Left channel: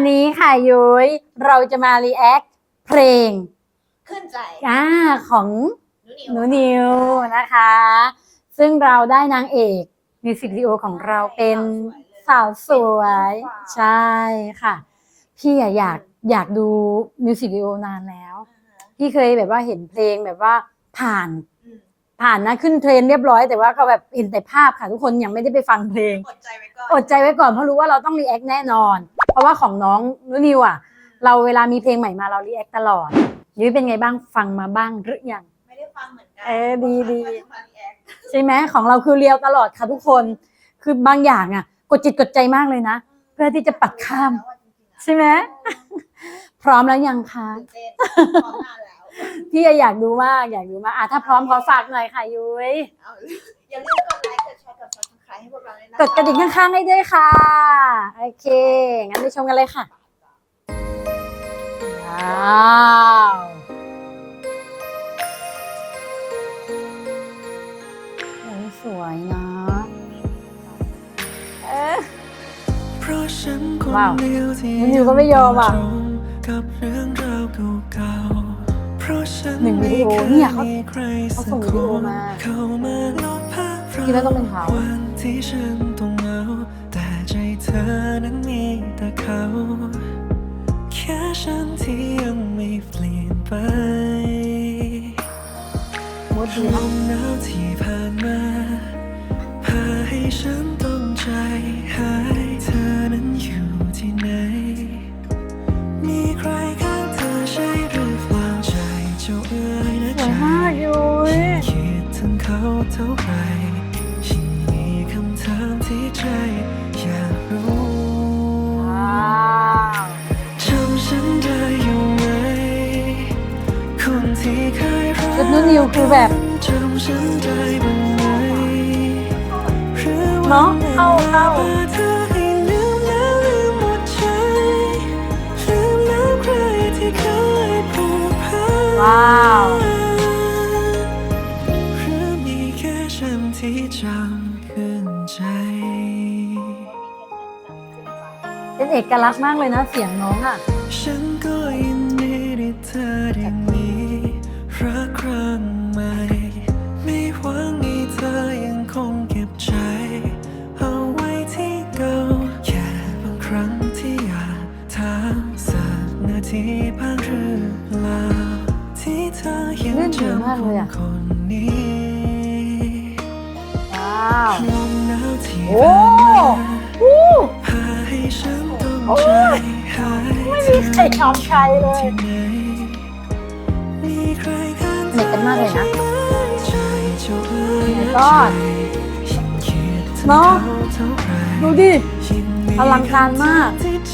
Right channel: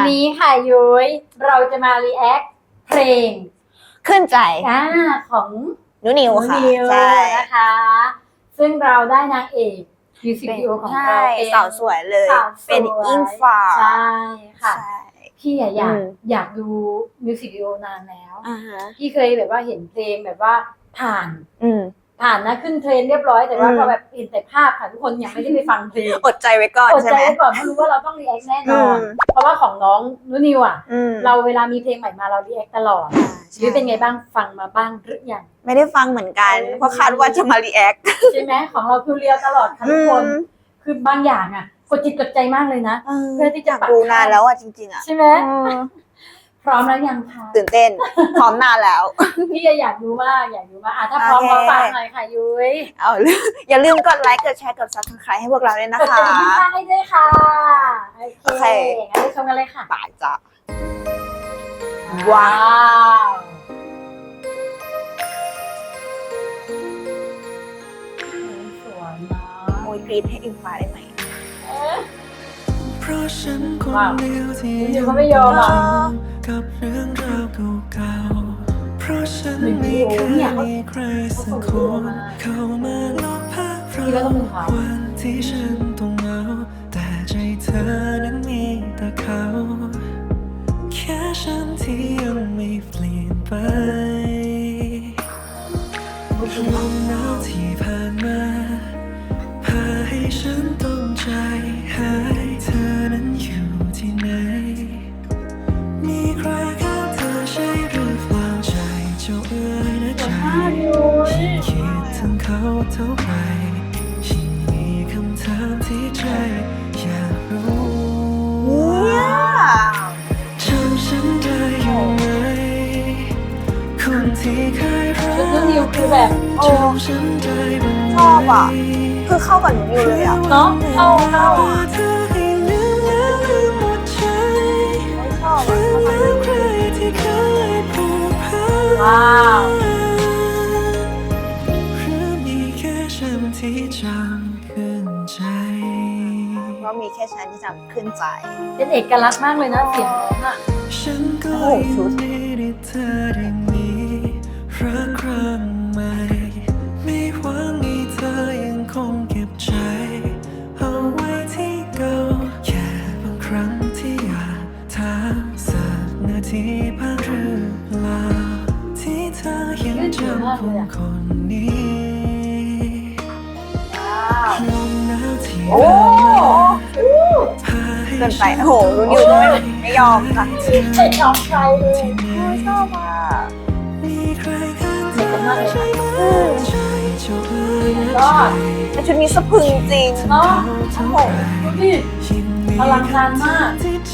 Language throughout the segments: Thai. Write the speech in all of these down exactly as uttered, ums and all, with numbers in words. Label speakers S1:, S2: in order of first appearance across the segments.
S1: นี้ค่ะยุ้ยเราจะมารีแอคเพลง
S2: ขึ้นใจ
S1: อ่าของ
S2: นุนิวค่ะ
S1: นิวนะคะซึ่งเราได้นางเอกมิวสิกวิดีโอของเราเป็น
S2: สาวสวยเลย
S1: สาวสวย
S2: เป็นอิงฟ้า
S1: ใช่ค่ะพี่อยากอยากดูมิวสิกวิดีโอนานแล้วพี่เคยแบบว่าเห็นเพลงแบบว่าผ่านผ่านนะขึ้นเทรนเรียบร้อยแต่ว่าพอแบบเห็นแต่ภาพค่ะทุกคนยังไม่ได้ไปฟังเพลง
S2: อดใจไว้ก่อน
S1: อดใจไว้ก่อนเพราะรู้ว่าเราต้องรีแอคแน่นอนเพราะว่าของน้องนุนิวอ่ะเราเวลามีเพลงใหม่มาเรารีแอคตลอดชีวิตเป็นไงบ้างฟังมาบ้างหรือยัง
S2: ไม่ได้ฟังเหมือนกันเพราะคาดว่าจะมารีแอค
S1: ใช่ไหมของเราคือเรียวตลอดค่ะทุกคนคือบางอย่างอ่ะกดจิตกดใจมากเลยนะเพื่อที่จะปัดข้าม
S2: แล้วอ่ะจริงๆอ่ะ
S1: ใช่ไหมพร้อมแล้วยังคะ
S2: ตื่นเต้นพร้อมนานแล้ว
S1: พี่อยากดูมากอยากดูมากอ่ะถ้าพร้อมขอฝากหน่อยค่ะยุ้ย
S2: เอาอย่าลืมกดไลค์กดแชร์กด ซับสไครบ์ ให้พวกเราด้วยนะคะ
S1: กดกระดิ่งข้างๆให้ด้วยค่ะโอเคงั้นไปชมกันเลยค่ะ
S2: ตายจ้ะ
S1: ว้าวสวยนะ
S2: มวยกรีดให้อิงฟ้าได้ไหม
S3: เพราะฉันคนเดียวที่
S1: ยังไม่ยอม
S3: กับเรื่องราวเก่าๆเพราะฉันไม่เคยมีใครสักคนเข้ามาลบภาพเราวันที่ฉันต้องเหงาแต่ใจเธอนั้นมีแต่เขาแค่ฉันที่ยังไม่เปลี่ยนไปลมหนาวที่ผ่านมาพาให้ฉันต้องใจหายเธอนั้นอยู่ที่ไหนมีใครข้างเธอใช่หรือเปล่าใจเจ้าเอ๋ยนะใจยิ่งคิดถึงเขาเท่าไรยิ่งมีคำถามที่ใจอยากรู้จำฉันได้อยู่ไหมคนที่เคยรักจำฉันได้บ้างไหม
S2: คือเข้ากับนิวเลยอะ
S1: เนาะเข้าเข้า
S3: เธอให้ลืมแล้วลืมหมดใจลืมแล้วใครที่เคยผูกพัน
S1: ว้าว
S3: หรือมีแค่ฉันที่จำขึ้นใจ
S2: ว่ามีแค่ฉันที่จำขึ้นใจ
S1: เป็นเอกลักษณ์มากเลยนะเสียงน้องอ่ะ
S3: ฉันก็ยินดีที่เธอได้มีรักครั้งใหม่ไม่หวังให้เธอยังคงเก็บใจเอาไว้ที่เก่าแค่บางครั้งที่อยากถามสักนาทีบ้างหรือเปล่าที่เธอยังจำคนคนนี้ลมหนาวที่ผ่านมาพาให้ฉันต้องใจ
S2: ไม่ยอมค่ะ
S1: ใช่น้องชายเลย
S3: มีใครข้างเธอใช่ไหมใจเจ้าเอ๋ยนะใจ
S2: แต่ชุดนี้สะพรึงจริง
S1: เนาะดูดิอลังการมาก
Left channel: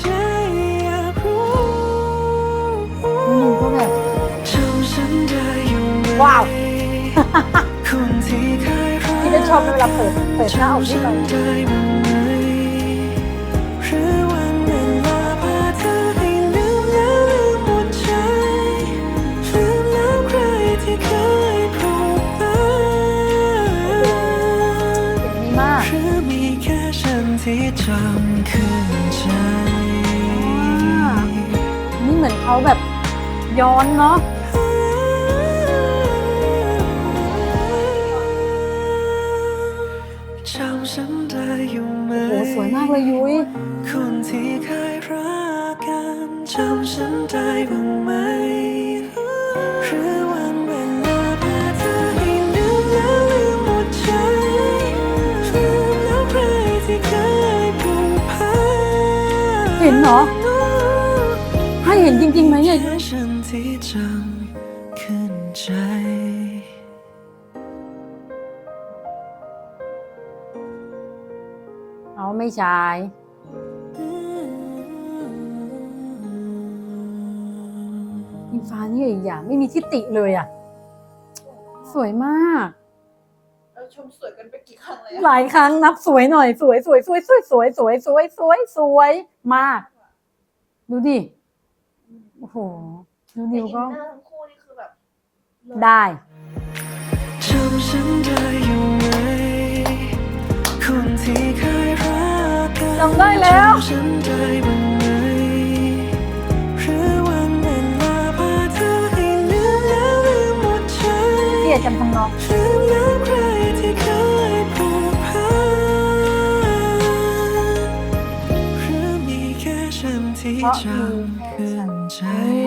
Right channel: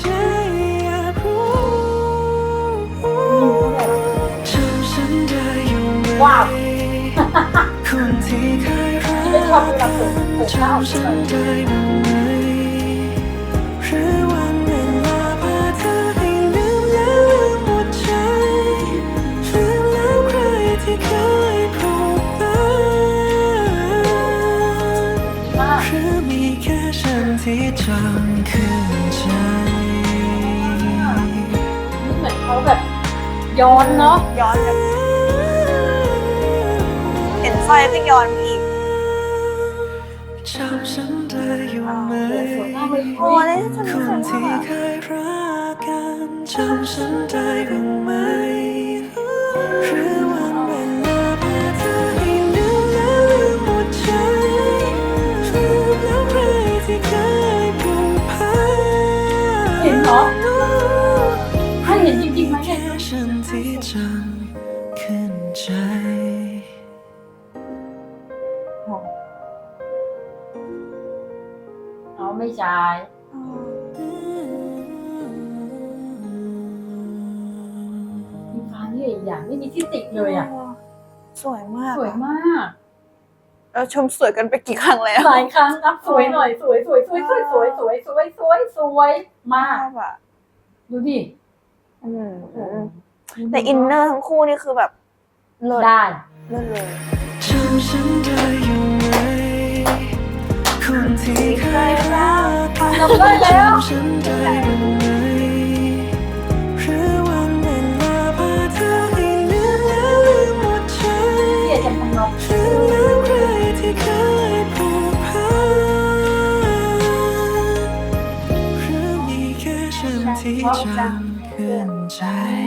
S1: ว้าว
S3: คนที่เคยรักจำฉันได้บ้างไหมหรือวันเวลาพาเธอให้ลืมแล้วลืมหมดใจลืมแล้วใครที่เคยผูกพันหรือมีแค่ฉันที่จำขึ้นใจ
S1: นี่เหมือนเขาแบบย้อนเนาะ
S2: ย้อนเห็นไฟไม่ย้อนอีก
S3: จำฉันได้อยู่ไหม
S1: สวยมากเลยยุ้ย
S3: คนที่เคยรักกันจำฉันได้บ้างไหมหรือวันเวลาพาเธอให้ลืมแล้วลืมหมดใจลืมแล้วใครที่เคยผูกพัน
S1: เห็นเหรอให้เห็นจริงๆไหมเนี่ย
S3: แค่ฉันที่จำขึ้นใจ
S1: อ๋อไม่ใช่อิงฟ้านี่อย่างไม่มีทิฏฐิเลยอ่ะ
S2: สวยมาก
S1: สวยมาก
S2: เราชมสวยกันไปกี่ครั้งแล้ว
S1: หลายครั้งนับสวยหน่อยสวยสวยสวยสวยสวยสวยสวยสวยสวยมากดูดิ
S2: โอ้โหแต่อินเนอร์ทั้งคู่นี่คือแบบเลิศ
S1: ได้
S2: เลิศเลย
S3: จำฉันได้อยู่ไหมคนที่เคยรักกันจำฉันได้บ้างไหมจังขึ้นใจ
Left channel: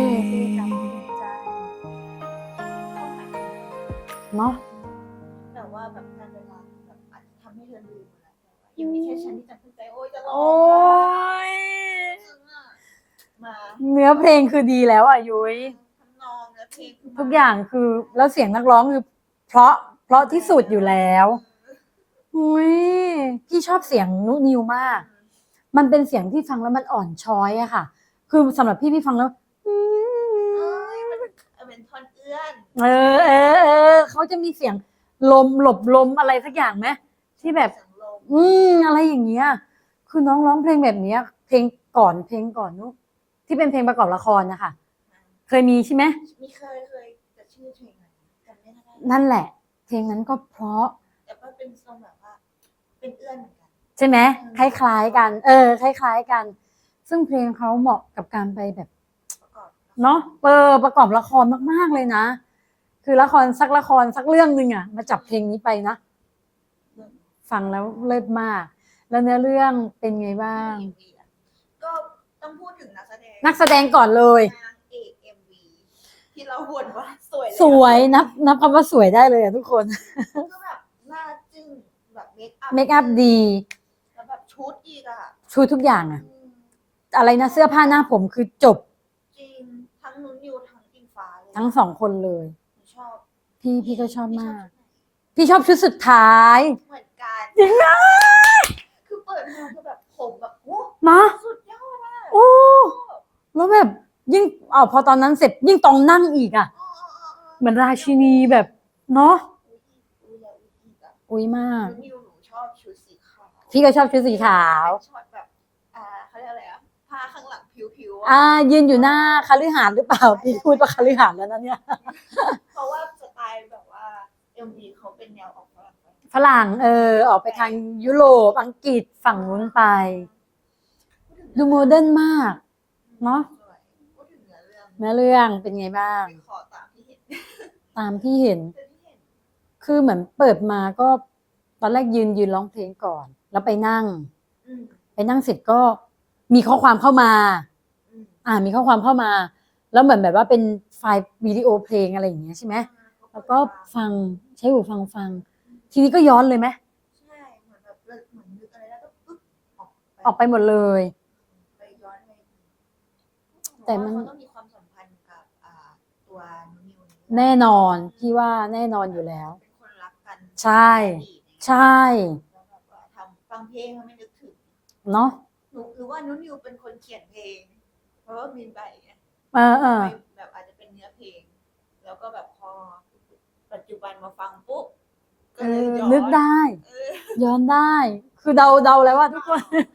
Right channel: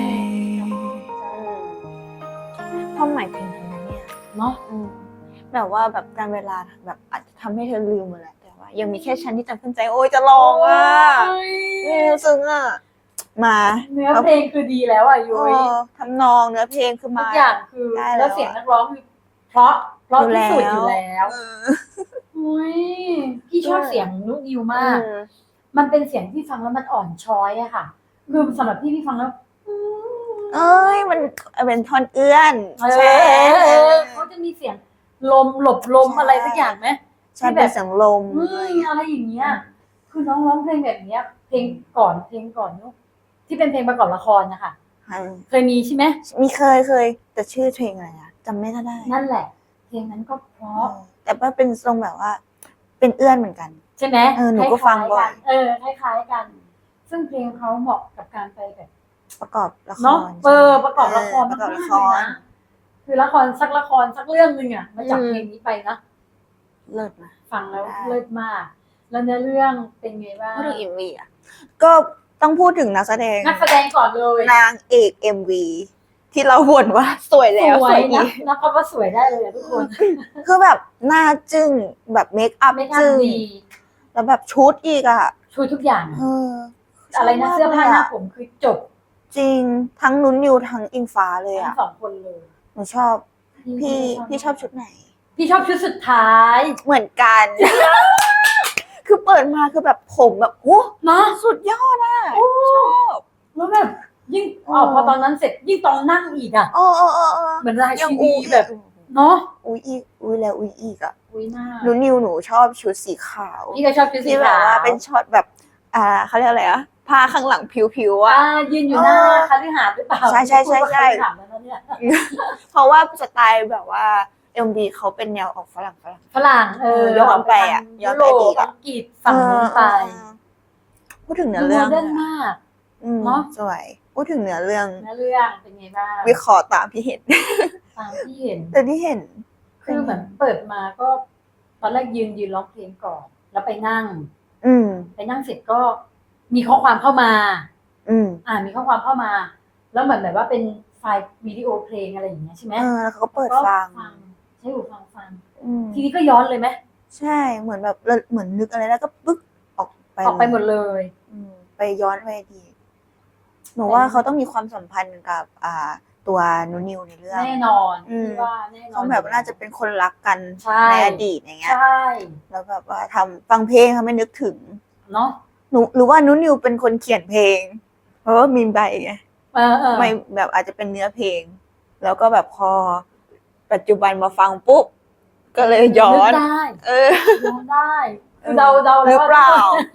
S2: ความหมายเพลงนี้เนี่ย
S1: เนาะ
S2: อืมแบบว่าแบบการเวลาแบบอาจจะทำให้เธอลืมหมดแหละแต่ว่ายังมีแค่ฉันที่จำขึ้นใจโอ้ยจะร้องอ่ะอืมซึ้งอ่ะมา
S1: เนื้อเพลงคือดีแล้วอ่ะยุ้ย
S2: เออทำนองเนื้อเพลงคือมา
S1: ทุกอย่างคือ
S2: ได้แล้ว
S1: แล้วเสียงนักร้องคือ เพราะเพราะ
S2: อยู่
S1: ที่สุด
S2: แล้ว
S1: อยู่แล้ว
S2: เออ
S1: อุ้ยพี่ชอบ
S2: อืม
S1: เสียงนุนิวมาก
S2: อืม
S1: มันเป็นเสียงที่ฟังแล้วมันอ่อนช้อยอะค่ะ คือสำหรับพี่พี่ฟังแล้ว
S2: เอ้ยมันเป็นท่อนเอื้อน
S1: เออเออเออเขาจะมีเสียงลมหลบลม
S2: ใช่
S1: อะไรสักอย่างไหม
S2: ใช่
S1: ที่
S2: แบ
S1: แบบ บ
S2: เสียงลม
S1: อืมอะไรอย่างเงี้ย คือน้องร้องเพลงแบบเนี้ย เพลงก่อนเพลงก่อนนุ๊กที่เป็นเพลงประกอบละครนะคะ
S2: อืม
S1: เคยมีใช่ไหม
S2: มีเคยเคยแต่ชื่อเพลงอะไรอะจำไม่ได้
S1: นั่นแหละ เพลงนั้นก็เพราะ
S2: แต่ว่าเป็นทรงแบบว่า เป็นเอื้อนเหมือนกัน
S1: ใช่ไหม
S2: เออหนู
S1: ค
S2: ก็ฟัง
S1: ล้าย
S2: บ่อย
S1: ๆกัน เออคล้ายๆกัน ซึ่งเพลงเขาเหมาะกับการไปแบบ
S2: ประกอบละคร
S1: เนาะเออประกอบละคร
S2: เออประกอบ
S1: มาก
S2: ละ
S1: ๆ
S2: ค
S1: เลยนะ คือละครสักละครสักเรื่องหนึ่งอะมาจับ
S2: อืม
S1: เพลงนี้ไปนะ
S2: เลิศนะ
S1: ฟังแล้ว
S2: ได้
S1: เลิศมาก แล้วเนื้อเรื่องเป็นไงบ้า
S2: พูด
S1: ง
S2: ถึง เอ็ม วี อ่ะก็ต้องพูดถึงนักแสดง
S1: นักแสดงก่อนเลย
S2: นางเอก เอ็ม วี ที่เราบ่นว่าสวยแล้ว
S1: สวย
S2: อีก
S1: นับนับคำว่าสวยได้เลยอะทุกคน
S2: คือแบบหน้าจึ้งแบบเมคอัพ
S1: เมคอัพ
S2: จึ้ง
S1: ดี
S2: แล้วแบบชุดอีกอ่ะ
S1: ชุดทุกอย่างอะ
S2: เออ
S1: อะไรนะ
S2: ชบมก
S1: เสื้อผ้าหน้า
S2: ลยะ
S1: ผมคือจบ
S2: จริงทั้งนุ้นนิวทั้งอิงฟ้าเลย
S1: ทั้ง
S2: อ่ะ
S1: สองคนเลย
S2: หนูชอบ
S1: พี่
S2: พี่
S1: พี่ก็ชอบ
S2: พี่ชอบ
S1: มาก
S2: ชุดไหน
S1: พี่ชอบชุดสุดท้าย
S2: เหมือนกัน คือเปิดมาคือแบบผมแบบโอ้
S1: เนาะ
S2: สุดยอดอ่ะ
S1: โอ้
S2: ชอบ
S1: แล้วแบบยิ่ง
S2: อ๋อ
S1: อ๋อพอตอนนั้นเสร็จยิ่งตองนั่งอีกอะ
S2: เออเออเออเออ
S1: เหมือนรา
S2: ยั
S1: ชิ
S2: ง
S1: นี
S2: อุ๊ย
S1: แบบเนาะ
S2: อุ้ยอีกอุ้ยแล้วอุ้ยอีกอ่ะ
S1: อุ้ยมาก
S2: หนูนิวหนูชอบชุดสีขาว
S1: พี่ก็ชอบชุดสี
S2: ที่แบบ
S1: ขาว
S2: ว่าเป็นช็อตแบบอ่าเขาเรียกอะไรอะผ้าข้างหลังผิวๆอะ
S1: อ่ายืนอยู่หน้า
S2: เออ
S1: คฤหาสน์หรือเปล่า
S2: ใช่ใช่
S1: พูดว่า
S2: ใช่
S1: คฤหาสน์แล้วนะเนี่ย
S2: เพราะว่าสไตล์แบบว่า เอ็ม วี เขาเป็นแนวออกฝรั่งฝรั่ง
S1: ฝรั่งเอ
S2: เอ
S1: อ
S2: อย้อน
S1: ออกไป
S2: ไป
S1: ทา
S2: อะ
S1: ง
S2: ย้อ
S1: ยุ
S2: น
S1: โร
S2: ไปอี
S1: ป
S2: กอะ
S1: อังกฤษฝั่งนู้นไป
S2: เออพูดถึงเนื้
S1: ดู
S2: อ
S1: โม
S2: เรื่อง
S1: เดิร์นมาก
S2: อืม
S1: เนอะ
S2: สวยพูดถึงเนื้อเรื่อง
S1: เนื้อเรื่องเป็นไงบ้าง
S2: วิเคราะห์ตามที่เห็น
S1: ตามที่เห็น
S2: แต่ที่เห็น
S1: คือเหมือนเปิดมาก็ ตอนแรกยืนยืนร้องเพลงก่อน แล้วไปนั่ง
S2: อืม
S1: ไปนั่งเสร็จก็มีข้อความเข้ามา
S2: อืม
S1: อ่ามีข้อความเข้ามา แล้วเหมือนแบบว่าเป็นไฟล์วิดีโอเพลงอะไรอย่างเงี้ยใช่ไหม
S2: เออแล้วเขาก็เปิด
S1: ก็
S2: ฟัง
S1: ฟังใช้หูฟังฟัง
S2: อืม
S1: ทีนี้ก็ย้อนเลยไหม
S2: ใช่เหมือนแบบเหมือนนึกอะไรแล้วก็ปึ๊กออกไป
S1: ออกไปหมดเลย
S2: อืมไปย้อนไปอดีตหนูว่าเขาต้องมีความสัมพันธ์กับอ่าตัวนูนิวในเรื่อง
S1: แน่นอน
S2: อืม
S1: พี่ว่าแน่นอน
S2: เขาแบบ
S1: อยู่
S2: น่าจะเป็นคนรักกัน
S1: ใช่
S2: ในอดีตอย่างเงี้ย
S1: ใช่
S2: แล้วแบบว่าทำฟังเพลงทำให้นึกถึง
S1: เนาะ
S2: หนูหรือว่านูนิวเป็นคนเขียนเพลง เพราะว่ามีใบไง
S1: เออเออ
S2: ไม่แบบอาจจะเป็นเนื้อเพลง แล้วก็แบบพอปัจจุบันมาฟังปุ๊บก็เลยย้อ
S1: นึก
S2: น
S1: ได้
S2: เออ
S1: ย้อนได้ คือเดาเดาเลยว่า
S2: หรือเปล่า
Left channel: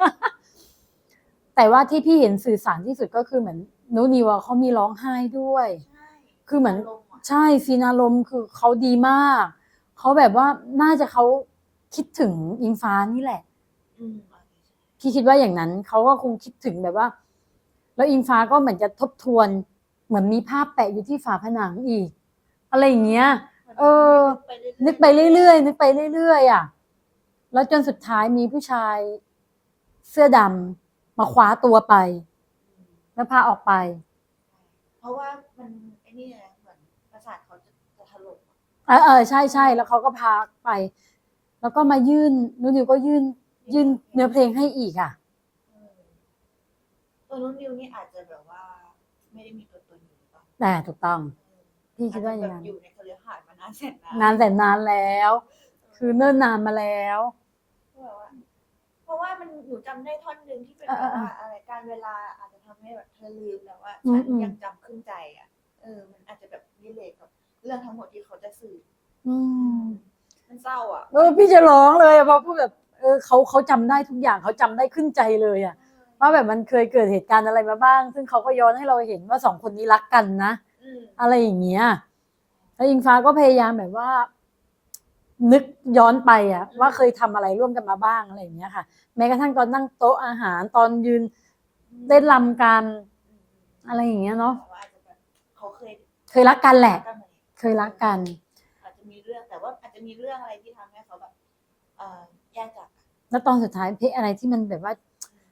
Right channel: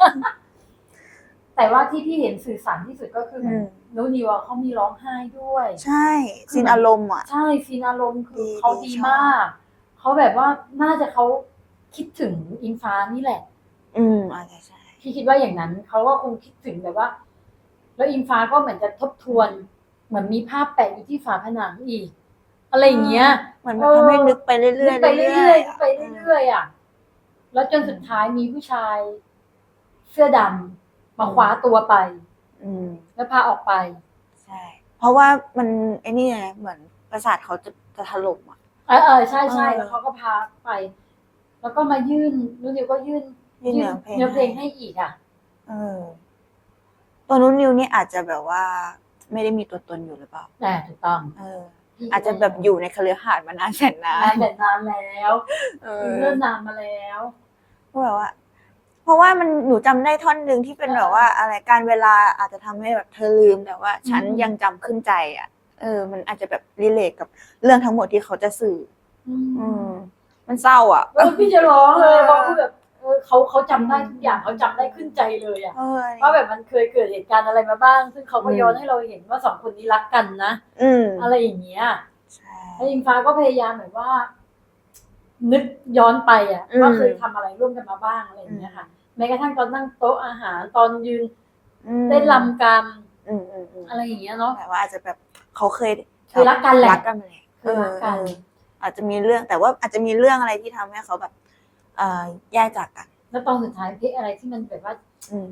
S1: แต่ว่าที่พี่เห็นสื่อสารที่สุดก็คือเหมือน
S2: อืม
S1: นูนิวอะเขามีร้องไห้ด้วย
S2: ใช่
S1: คือ
S2: ซีน
S1: เหมือน
S2: อารมณ์อ่ะ
S1: ใช่ซีนอารมณ์คือ
S2: ดี
S1: เขาดี
S2: ชอบ
S1: มาก เขาแบบว่าน่าจะเขาคิดถึงอิงฟ้านี่แหละ
S2: อืมอาจจะใช่
S1: พี่คิดว่าอย่างนั้นเขาก็คงคิดถึงแบบว่า แล้วอิงฟ้าก็เหมือนจะทบทวน เหมือนมีภาพแปะอยู่ที่ฝาผนังอีก อะไรอย่างเงี้ย
S2: เหมือนมันทำให้นึกไปเรื่อยๆ
S1: นึกไปเรื่อยๆนึกไป
S2: ๆ
S1: เรื่อยๆอ่ะ แล้วจนสุดท้ายมีผู้ชายเสื้อดำมาคว้าตัวไป
S2: อืม
S1: แล้วพาออกไป
S2: ใช่ เพราะว่ามันไอ้นี่ไงเหมือนประสาทเขาจะจะถล่มอ่ะ
S1: เออเออใช่ใช่
S2: เออ
S1: แล้วเขาก็พาไป แล้วก็มายื่นนูนิวก็ยื่น
S2: ยื่
S1: ยื่
S2: น
S1: น
S2: เนื้
S1: เนื้
S2: อ
S1: อ
S2: เพ
S1: เพ
S2: ล
S1: ล
S2: ง
S1: งให้อีกอ่ะ
S2: เออตัวนู้นนิวนี่อาจจะแบบว่า ไม่ได้มีตัวตนอยู่หรือเปล่า
S1: แต่ถูกต้อง
S2: เออ
S1: พี่คิด
S2: อาจจะ
S1: ว่า
S2: แบบอยู่ในคฤหาสน์มานานแสนนาน
S1: นานแต่นานแล้ว
S2: เออ
S1: คือเนิ่นนานมาแล้ว
S2: ก็แบบว่า เพราะว่ามันหนูจำได้ท่อนหนึ่งที่เป็น
S1: เออ
S2: แบบว่า อะไรการเวลาอาจจะทำให้แบบเธอลืมแต่ว่า ฉัน
S1: อืม
S2: ยังจำขึ้นใจอ่ะ เออ มันอาจจะแบบรีเลทกับเรื่องทั้งหมดที่เขาจะสื่อ
S1: อื
S2: อื
S1: ม
S2: ม มันเศร้าอ่ะ
S1: เออพี่จะร้องเลย
S2: เออ
S1: เพราะคือแบบเออเขาเขาจำได้ทุกอย่างเขาจำได้ขึ้นใจเลยอ่ะ
S2: เออ
S1: ว่าแบบมันเคยเกิดเหตุการณ์อะไรมาบ้าง ซึ่งเขาก็
S2: อืม
S1: ย้อนให้เราเห็นว่าสองคนนี้รักกันนะ
S2: อืม
S1: อะไรอย่างเงี้ย
S2: ใช่
S1: แล้วอิงฟ้าก็พยายามแบบว่า นึกย้อนไปอ่ะ
S2: อืม
S1: ว่าเคยทำอะไรร่วมกันมาบ้างอะไรอย่างเงี้ยค่ะ แม้กระทั่งตอนนั่งโต๊ะอาหารตอนยืน
S2: อืม
S1: เต้นรำกัน
S2: อืมอืมอืม
S1: อะไรอย่างเงี้ยเนาะ
S2: แต่ว่าอาจจะแบบเขาเคย
S1: เคยรักกันแหละ
S2: รักกันมาแหละ
S1: เคยรักกัน
S2: เอออาจจะมีเรื่องแต่ว่าอาจจะมีเรื่องอะไรที่ทำให้เขาแบบเอ่อแยกจากกัน
S1: แล้วตอนสุดท้ายเพลงอะไรที่มันแบบว่า
S2: อืม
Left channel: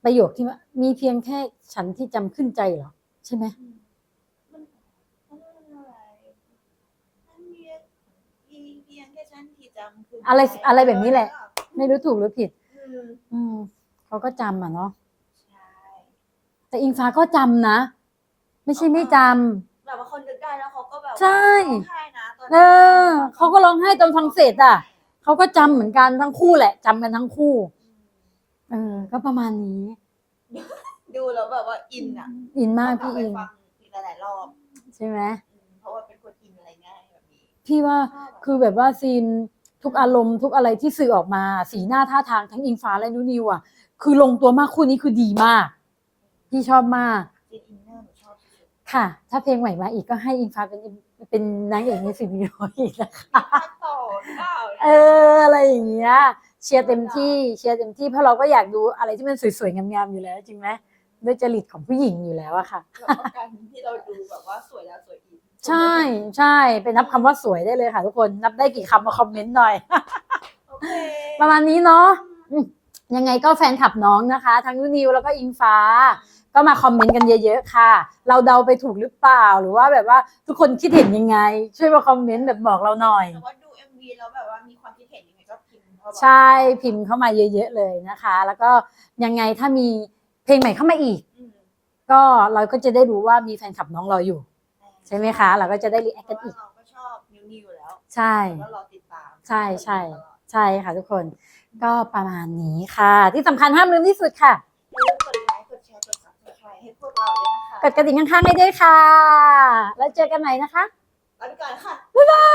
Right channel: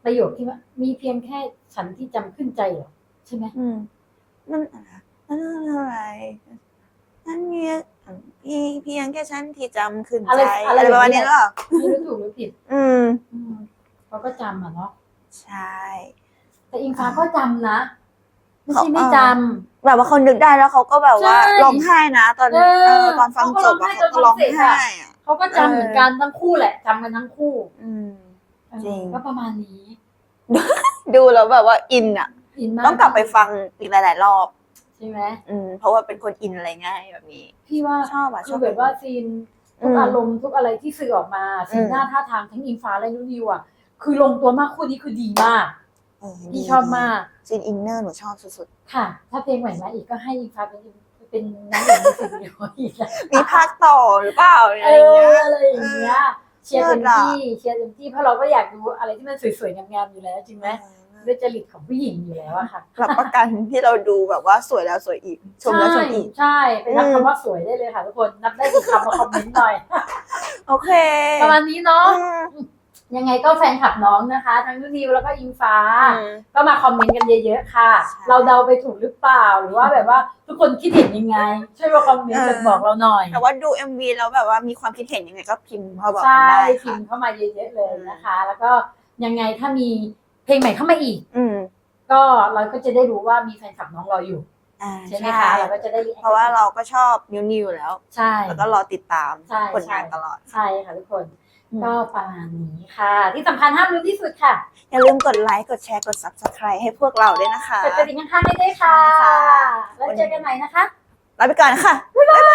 S1: ประโยคที่ว่ามีเพียงแค่ฉันที่จำขึ้นใจเหรอใช่ไหม
S2: อืมมันนั่นอะไรนั่นเมียพี่เพียงแค่ฉันที่จำขึ้นใจ
S1: อะไรอะไรแบบนี้แหละ
S2: หรอ
S1: ไม่รู้ถูกหรือผิด
S2: อืม
S1: อืมเขาก็จำอ่ะเนาะ
S2: ใช่
S1: แต่อิงฟ้าก็จำนะ ไม่ใช่
S2: เขา
S1: ไม่จำ
S2: แบบว่าเขานึกได้แล้วเขาก็แบบว่า
S1: ใช่
S2: ร้องไห้นะตอน
S1: เออ
S2: ตอนฟัง
S1: เขาก็ร้องไห้ตอนฟังเสร็จอะ
S2: ขาร้งไห้อะ
S1: เขาก็จำเหมือนกันทั้งคู่แหละจำกันทั้งคู่
S2: อืม
S1: เออ
S2: จริง
S1: ก็ประมาณนี้
S2: ดูแล้วแบบว่าอินอ่ะ
S1: อินมาก
S2: ต้องกลับไป
S1: พี่
S2: ฟังอีกหลาย ๆ รอบ
S1: ใช่ไหม
S2: อืมเพราะว่าเป็นคนอินอะไรง่ายแบบนี้
S1: พี่ว่า
S2: ชอบอะ
S1: คือ
S2: ชอบ
S1: แบบว่าซีนทุก
S2: อืม
S1: อารมณ์ทุกอะไรที่สื่อออกมา สี
S2: อืม
S1: หน้าท่าทางทั้งอิงฟ้าและนุนิวอ่ะคือลงตัวมากคู่นี้คือดีมาก
S2: เออ
S1: พี่
S2: ดี
S1: ชอบมาก
S2: ซีนอินเนอร์หนูชอบสุด
S1: ค่ะ ถ้าเพลงใหม่มาอีกก็ให้อิงฟ้าเป็นเป็นนางเอกมิวสิกวิดีโออีกนะ
S2: ๆมีภาคต่อหรือเปล่า
S1: เอออะไรอย่างเงี้ยเชียร์เต็ม
S2: เลิศอะ
S1: ที่เชียร์เต็มที่เพราะเราก็อยากดูอะไรที่มันสวยๆงามๆอยู่แล้วจริงไหมด้วยจริตของผู้หญิงอยู่แล้วอะค่ะ
S2: รับประกันที่เราดูแบบว่าสวยแล้วสวยอีกชม
S1: ใช่
S2: แล้วชมอีก
S1: ใช่ไปนับ
S2: อืม
S1: คำว่าสวยได้เลยค่ะทุกคนนับได้กี่คำมาคอมเมนต์หน่อย
S2: โอเค
S1: ประมาณนี้เนาะ
S2: อืม
S1: ยังไงก็แฟนคลับน้องนะคะ ทั้งนุนิวแล้วก็อิงฟ้า
S2: อืม
S1: ก็มาคอมเมนต์กันเยอะๆค่ะ
S2: ใช่
S1: เราเดาไปถูกหรือเปล่าหรือว่าแบบว่าทุกคนคิดเห็นยังไง ช่วยมาคอมเมนต์
S2: เออ
S1: แบบบอกเราหน่อย
S2: แต่ว่าดู เอ็ม วี แล้วแบบว่ามีความคิดเห็นยังไงก็พิมพ์มาบอก
S1: ใช่
S2: กันได้ค่ะ
S1: พิมพ์เข้ามาเยอะๆเลยนะคะ แล้วก็ยังไงถ้ามีเพลงใหม่เข้ามาอีก
S2: อืม
S1: ก็เราก็จะได้รู้ว่ามีแฟนคลับน้องรออยู่
S2: อ่า
S1: ใช่ไหมคะ เราก็จะได้รีแอค
S2: เพราะว่าเราก็ชอบนิวนิวแล้ว
S1: ใช่
S2: แล้วก็รอติดตาม
S1: ใช่
S2: ผล
S1: ใช่
S2: งานตลอด
S1: ใช่ค่ะทุกคน
S2: อืม
S1: ก็ประมาณนี้ค่ะ ที่สำคัญห้ามลืมที่สุดค่ะ
S2: อย่าลืมกดไลค์กดแชร์กด ซับสไครบ์ ให้พวกเราด้วยนะคะ
S1: กดกระดิ่งข้างๆให้ด้วยค่ะ แล้วเจอกันใหม่นะคะ
S2: ลาไปก่อนค่ะ
S1: บ๊ายบาย